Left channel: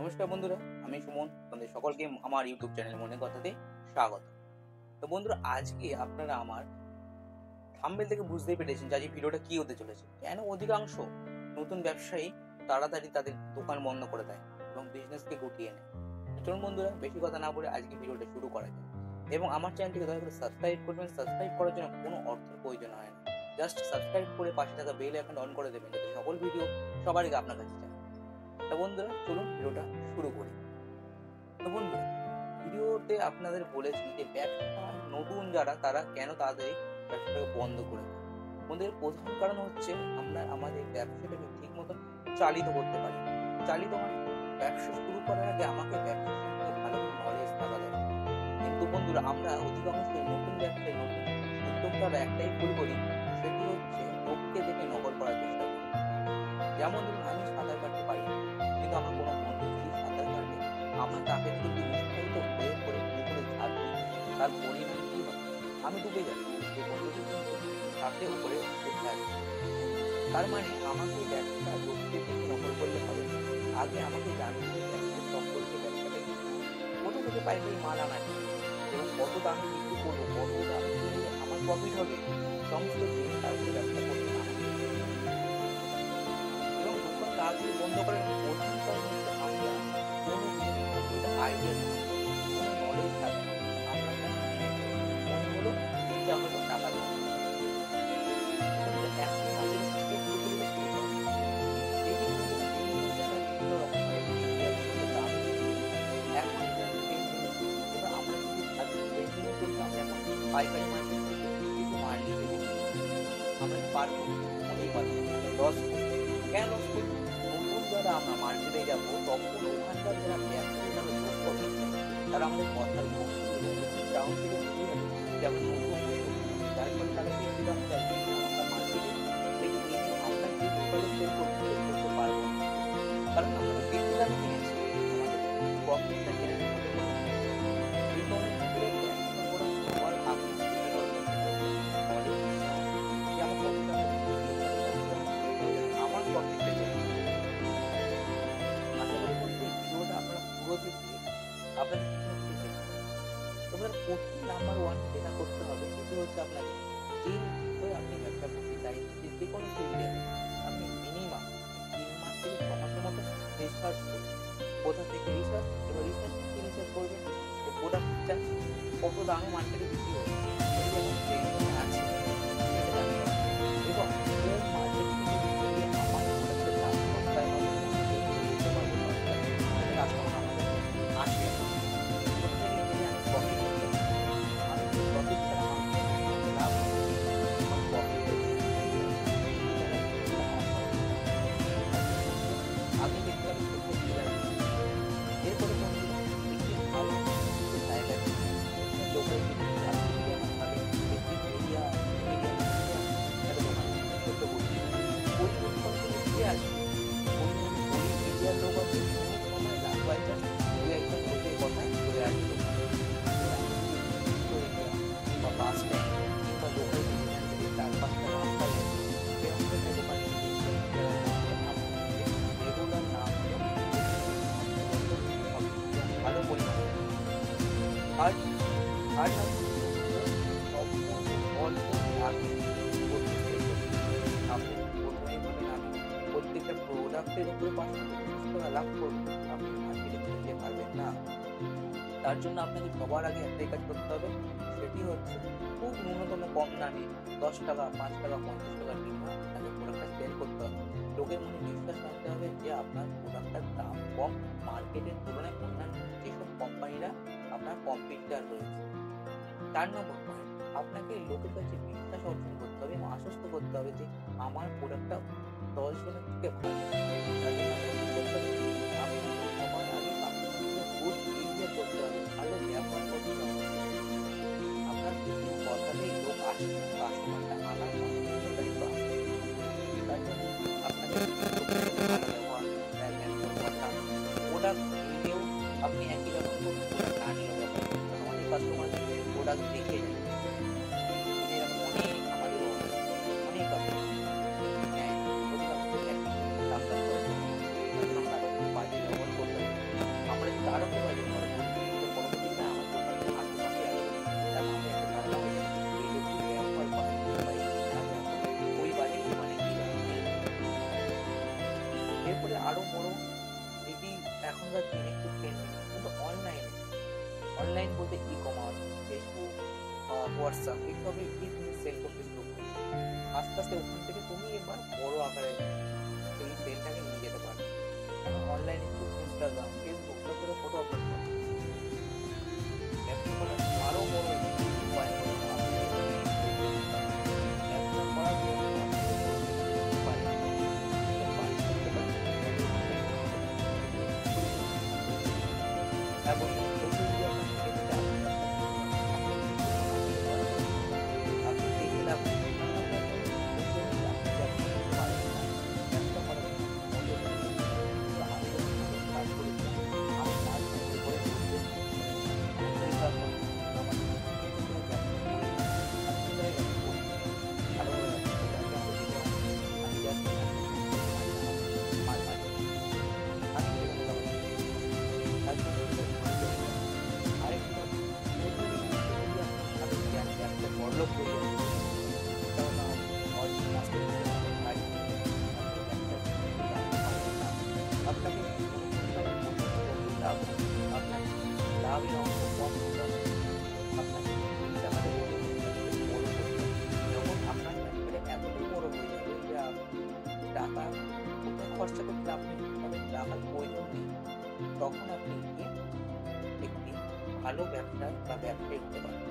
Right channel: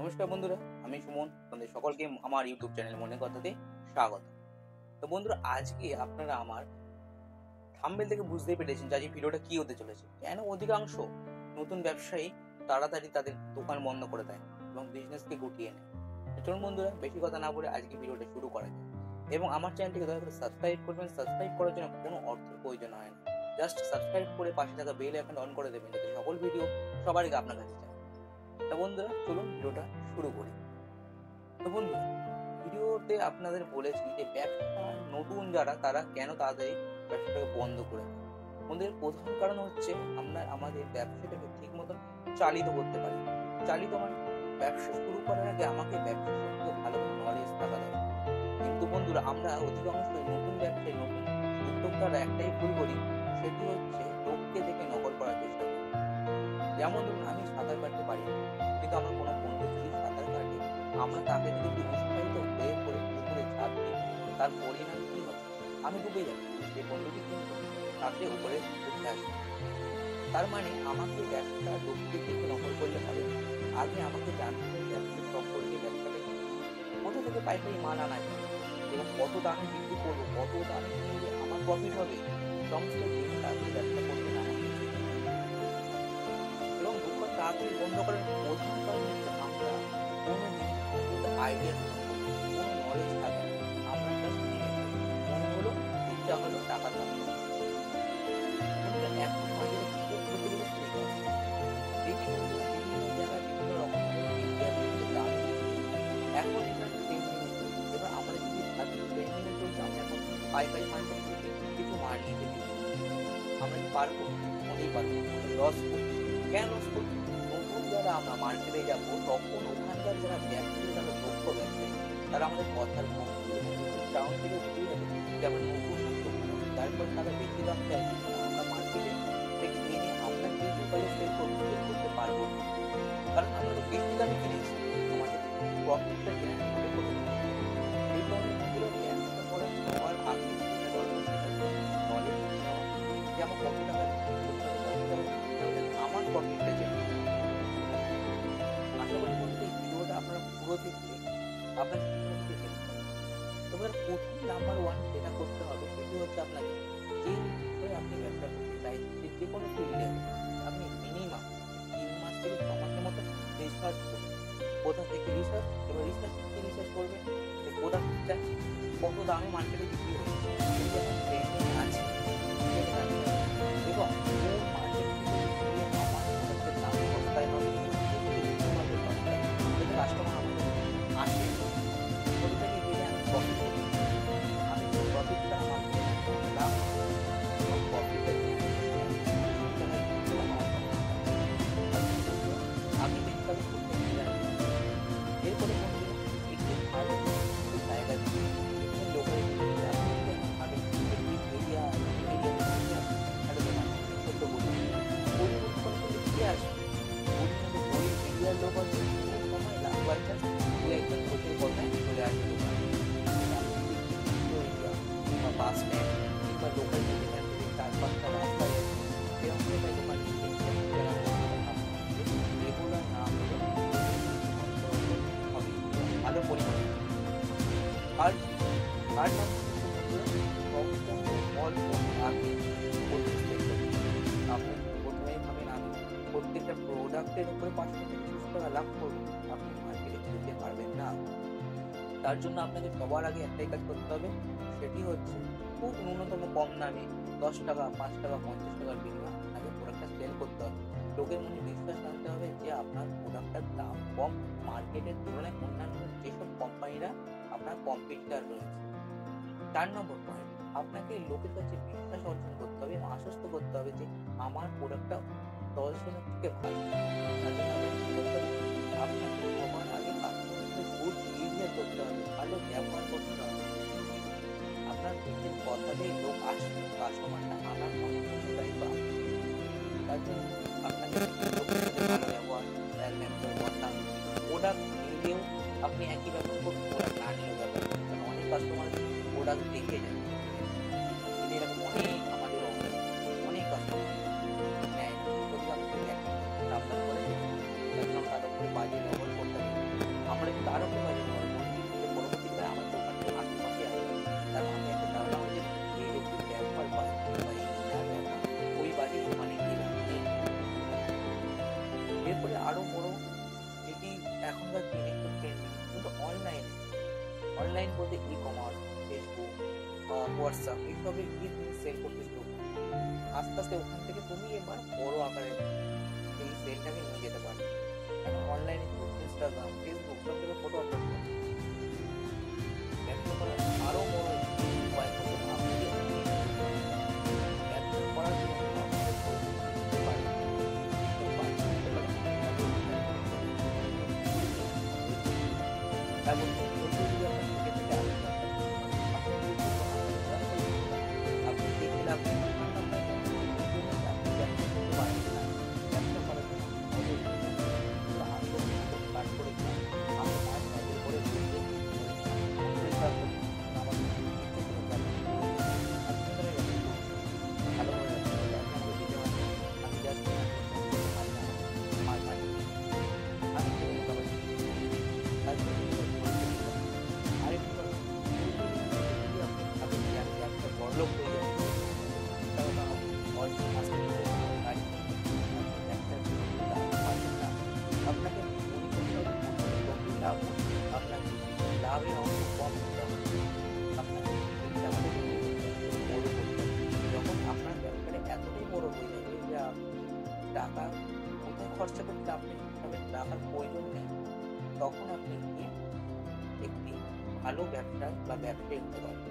নমস্কার বন্ধুরা, আমি সুমন। আপনাদের সকলকে আমার ইউটিউব চ্যানেল মনের কথাতে স্বাগত। তো বন্ধুরা, আজকে আপনারা আমার থাম্বনেল থেকে বুঝতেই পেরেছেন যে আজকে ভিডিওটা কি হতে চলেছে। কেন অধিকাংশ নতুন ব্যবসায়ী তাড়াতাড়ি তাদের দোকান বন্ধ করে দেয় এবং বিজনেসকে গুটিয়ে নেয়। চলুন বন্ধুরা, বেশি কথা না বলে আজকে ভিডিওটা শুরু করা যায়। এবং আমার চ্যানেলটিকে দয়া করে সাবস্ক্রাইব করবেন। সাবস্ক্রাইব করার জন্য কোনো অর্থের প্রয়োজন হয় না, জাস্ট সাবস্ক্রাইব করে পাশে থাকা বেল আইকন অন করে দেবেন, যাতে সকল ভিডিও সবার আগে আপনার কাছে যায়। তা বন্ধুরা, চলুন ভিডিওটা শুরু করি। তো বন্ধুরা, ভিডিওতে আপনাদের বলেছি যে ব্যবসার নতুন যারা তারা কেন তাড়াতাড়ি ব্যবসাটাকে বন্ধ করে দেয়। বন্ধুদের প্রধান কারণ হচ্ছে আমরা আমাদের ব্যবসাটাকে ঠিক মতো চালিত করতে পারি। চালিত মানে ব্যবসা শুরু করার আগে আমাকে ব্যবসা সম্পর্কে ভালোভাবে নলেজ থাকা দরকার। কিন্তু বন্ধুরা, আমরা অধিকাংশই নতুন ব্যবসায় নতুন উদ্যোক্তারা একটাই ভুল করি, সেটি হচ্ছে লোককে দেখে নকল করার চেষ্টা করি। যেমন ধরুন, আমি সাঁতার কাটতে পারি না, কিন্তু আমার কোনো বন্ধু যদি সাঁতার কাটে, আমরা তাকে দেখে যদি উৎসাহিত হয়ে পড়ে পুকুরে ঝাঁপ দিই, তার পরিণাম কি হবে? আমি ডুবে যাবো, সেই বন্ধুটি কিন্তু সাথে উপরে উঠে আসবে। তার মানে আমাকে ব্যবসা লোককে দেখে নকল করলে হবে না। আগে আমাকে জানতে হবে ব্যবসার সম্পর্কে, ব্যবসাটা কি, কোথা থেকে পাইকারি মাল আনা যায় এবং কত দামে বিক্রি করবো, কত দামে কিনলে আমার প্রফিট হবে, সমস্ত জেনে তারপরে ব্যবসা করতে নামাবো। এবং দোকান তাড়াতাড়ি বন্ধ করার প্রধান কারণ হচ্ছে আমরা কোনো জিনিস সম্পর্কে আইডিয়া গ্রহণ করি, কোনো নলেজ থাকে না, আমরা জাস্ট কিনে ফেলি। মনে হলো, ইচ্ছা হলো, টাকা ধ্বংস করা। বন্ধুরা, এখন বাজারে খুব প্রচলিত স্লিপার, যেটি বন্ধুরা বিভিন্ন জায়গায় বিভিন্ন রকম ভাবে ইন্ডিয়া বিভিন্ন দামে বিক্রি। এখন এটা ট্রেন্ডিং এ চলছে। এবার আমরা যদি ভাবি ট্রেন্ডিং এ চলছে, আমরা এখন পাইকারি মার্কেট থেকে কিছু মাল নিতে বিক্রি করি, আমরা কি পারবো? মোটেই পারবো। আমরা লস করবো। কেন লস করবো? নতুন যারা আমরা মার্কেটে যাব, তখন ওখানকার যারা ব্যবসায়ী, তারা দক্ষ ব্যবসায়ী, তারা আমাদের কথার ভঙ্গি এবং মুখের চাউন থেকে বুঝে যাবে যে আমরা নতুন উদ্যোক্তা। যার ফলে তারা বেশি দাম চাইবে এবং আমরা মার্কেটে থেকে এনে আমরা যে লোকালে সেল করতে পারবো না, কারণ আমরা তো বেশি দামে কিনেছি। আমাদের প্রফিটটা জেনারেট হবে কোনো। এই কারণে বন্ধুরা, ব্যবসা করার সবার আগে যেটা দরকার সেটা হচ্ছে নলেজ নেওয়া, যে আমার কত টাকা বিক্রি করতে হবে, কত টাকা কিনতে হবে, যাতে আমার প্রফিটটা জেনারেট। আশা করি বন্ধু এই ভিডিওটা আপনারা পুরো দেখলে আপনাদের কিছু না কিছু হেল্প পাবে। তবে প্রথম নাম্বার ওয়ান যেটা করতে হবে, সেটি হচ্ছে আপনাকে যে বিষয়ে আপনি ব্যবসা করতে চাইছেন, যে কোনো ফিল্ডে হোক, আপনি মিনিমাম 3 মাস থেকে 6 মাসের মতো রিসার্চ করুন। কোথা থেকে রিসার্চ? এবার রিসার্চ করবেন যে প্রোডাক্টটা কত দামে মার্কেটে বিক্রি হচ্ছে, সেটি এখন ট্রেন্ডিং এ আছে সেটা জানতে হবে, এবং কোন মার্কেট থেকে গেলে আমার প্রোডাক্টের দাম সস্তায় হবে এবং আমি লোককে দিতে পারবো সস্তায়, যাতে কাস্টমার আমাদের আসে। কোথা থেকে গেলে আমি প্রফিট করতে পারি। আমি যদি প্রফিট ছাড়া মার্কেটে না আমাকে লাভ নেই, আমার প্রফিটটা জেনারেট করতে হবে। সেই টাকায় করলে আমার প্রফিটটা বন্ধুরা আগে দেখতে হবে কোথায় ক্লিয়ার। এরপরে বন্ধুরা, একটি ভালো জায়গা এখানে লোকালিটি আপনি যদি আমার ভাবেন একটি এরিয়ার মধ্যে একটা দোকান ছোট্ট পরিবর্তন করলে কে আসবে? গরিব এরিয়ার লোক আছে, কোনো সময় লাভ বাই চান্স দু একজন লোকের কথায় চলে আসবে দোকানে। কিন্তু আপনি যদি একটি মেট্রো এরিয়া কিংবা বাস স্ট্যান্ড কিংবা লোকালিটি যেখান থেকে 4-5টা রাস্তা গেছে, সেরকম জায়গায় দোকান নিতে, সেরকম জায়গায় মধ্যে আপনাকে রেগুলার না হলেও অন্তত হবে এবং ভালো পরিমাণে। থার্ড নম্বর হচ্ছে বন্ধুরা, সম্পূর্ণ অল্প লাভে প্রথমে সেল করতে হবে। আপনি প্রথমেই ভাবেন আমি প্রত্যেকটা প্রোডাক্টের উপরে 500 থেকে 600 টাকা লাভ করবো, আপনি মার্কেটে ফেলতে পারবেন না। তার জন্য আপনাকে সবার আগে একটাই কাজ করতে হবে, সেটি হচ্ছে খুব ন্যূনতম কম দামে 10 টাকা, 5 টাকা, 50 টাকার বিনিময়ে আপনাকে প্রোডাক্টটা সেল করতে হবে। লোকের মনে বিশ্বাস আনতে হবে যে আপনার প্রোডাক্টটার দাম কম মার্কেটের তুলনায় অন্যান্য যেসব কোম্পানিরা আপনার কম্পিটিটর রয়েছে। 4 নম্বর পয়েন্ট, আপনাকে লোকের কাছে বিশ্বাস অর্জন করতে হবে এবং আশ্বস্ত করতে হবে যে আমার প্রোডাক্টটা 10 জনের থেকে ভালো। তার জন্য আপনাকে কি করতে হবে? আপনাকে সবার আগে কাস্টমারদের গুড বিহেভিয়ার করতে হবে, ভালো ব্যবহার করতে হবে। আপনার মুখের কথাতেই লোক আসবে, কাস্টমারটা আনার সম্পূর্ণ দায়িত্ব আপনার। তার জন্য আপনাকে লোকের সাথে ভালো ব্যবহার, স্যার ম্যাম করে কথা, প্রোডাক্ট নিলেও আপনি একই ব্যবহার করুন, প্রোডাক্ট না নিলেও ব্যবহার করুন। কারণ অনেক কাস্টমার প্রোডাক্ট দেখে যায়, এরকম আমাদের অনেক কাস্টমার নেয় না, অধিকাংশ দেখে দাম করে চলে। তার জন্য আমরা তার উপরে বাজে ব্যবহার করতে হবে। তারপরে যদি আরো করে বাজে ব্যবহার করি, পরবর্তীকালে আমার দোকানের আশেপাশে আসবে, তার মাথায় একটা ধারণা হয়ে যাবে এই লোকটি ব্যবহার করে বা এনার ব্যবহার খুবই বাজে, মানে কি লাভ নেই। এরপরে আরো বড়, যেটি এখনকার দিনে খুব ট্রেন্ডিং, কিন্তু অনলাইন বলতে ই কমার্স, ফেসবুক, হোয়াটসঅ্যাপ এইসবে এই তুমি সেল করতে শুরু করবে। আস্তে আস্তে ওখান থেকে তুমি এবার বড় আকারে এই সেলটাকে নিয়ে যেতে পারবে। কেন অনলাইনে যুগ, ইনস্টাগ্রাম, ফেসবুক সব জায়গায় ফটো আপলোড করো। ব্যবসা করার আরো বড় একটি উপায় হলো আপনাকে অনেক ধৈর্য দিতে হবে। ব্যবসা করার জন্য আপনাকে ধৈর্য দিতে পারে, করতে পারে, হ্যাঁ বন্ধু, ধৈর্য যদি আপনার থেকে থেকে আপনি ব্যবসা করতে পারেন। আপনি যদি ধৈর্য না থাকে দয়া করে ভিডিওটা আপনি দেখে লাভ নেই, কারণ আপনার ধৈর্য নেই, আপনি ব্যবসা করতে পারবেন না। ব্যবসা করার জন্য অবশ্যই ধৈর্য লাগবে। তো আমি যখন প্রথম স্টার্ট করেছিলাম, আমি মাস সাইকেল করে রোজদের করে নিয়ে আমার শরীর খারাপ করছি, কিন্তু আমার ইচ্ছা ছিল ব্যবসা করে আর সুন্দর ব্যবসা করছি, ভালোভাবে ব্যবসা করছি। আজকে আমাকে দিতে হয়, আমি জাস্ট ফোন করতে মারি না, মাছ মারি, আমি জীবনে কাবার তার জন্য আমাদের ধৈর্য নিতে হবে। আরেকটি কথা, ধৈর্য নিয়ে যদি আপনি ভাবেন যে আমি ব্যবসা বড়লোক হয়ে যাবো, টাকা কামাবো, অরিজিনাল মাস্টারপিসের মতো গাড়ি কিনবো, আপনি ব্যবসার জন্য কিন্তু আসতে পারবেন না। আপনাকে মনে করতে হবে প্রথমে যতই লাভ হোক, আপনাকে লাভের অংশ কম নিতে হবে। আপনাকে এই টাকাটা জমিয়ে কিন্তু ব্যবসাটাকে বড় করতে হবে। যখন আপনার ব্যবসাটা এতটাই বড় হয়ে যাবে যে আপনি টাকা কোথায় খরচা করতে আপনি হিসাবে টাকার প্রয়োজন নেই, তখন আপনি গিয়ে একটি ভালো ব্যবসায় বা ব্যবসায়ী হতে পারবেন।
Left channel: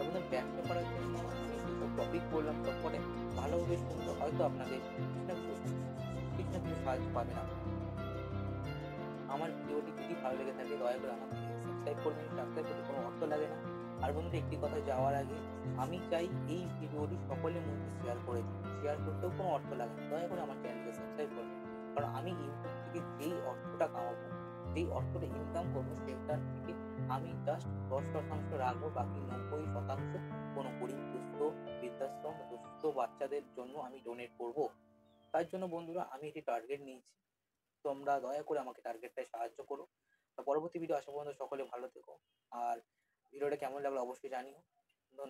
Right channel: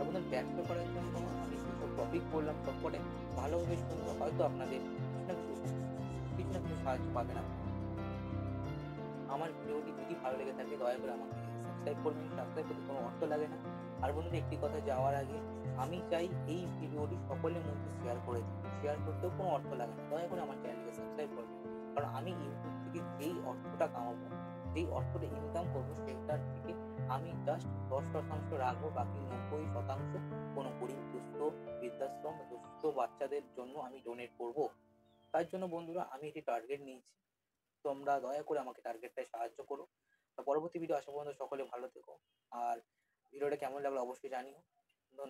আপনাদের ব্যবসা করার জন্য আমি যেসব টপিক বললাম সবকটা ভালোভাবে শুনলে হয়তো আপনাদের কিছু না কিছু সাহায্য পাবেন আপনারা। আমার ভিডিওটি যদি ভালো লেগে থাকে দয়া করে আমাকে সাবস্ক্রাইব করবেন। সাবস্ক্রাইব করতে কোনো অর্থ লাগে না। আর বন্ধুরা, একটি কথা যাওয়ার আগে আমি চাই এই ভিডিওটি সকলের মধ্যে শেয়ার করে দিন। শেয়ার করতেও কোনো অর্থ লাগে না, দয়া করে আমার চ্যানেলটিকে সাবস্ক্রাইব করবেন। কারণ আমি ইউটিউব থেকে যেই অর্থটা কামাবো, যেই অর্থটা ইনকাম করবো, সেটার থেকে আমি জাস্ট 10% রাখবো, বাকি 90% কোনো গরিব, দুস্থ, বৃদ্ধাশ্রম, দুস্থ বাচ্চাদের জন্য আমি ডোনেট করবো। তার জন্য বন্ধুরা আমি একটি টার্গেট নিয়েছি, তোমরা দয়া করে আমাকে টার্গেটটায় সাহায্য করো। পরবর্তী ভিডিও আসা পর্যন্ত সকলে ভালো থেকো, আর ভিডিওটা কেমন লাগলো অবশ্যই জানিও। ধন্যবাদ।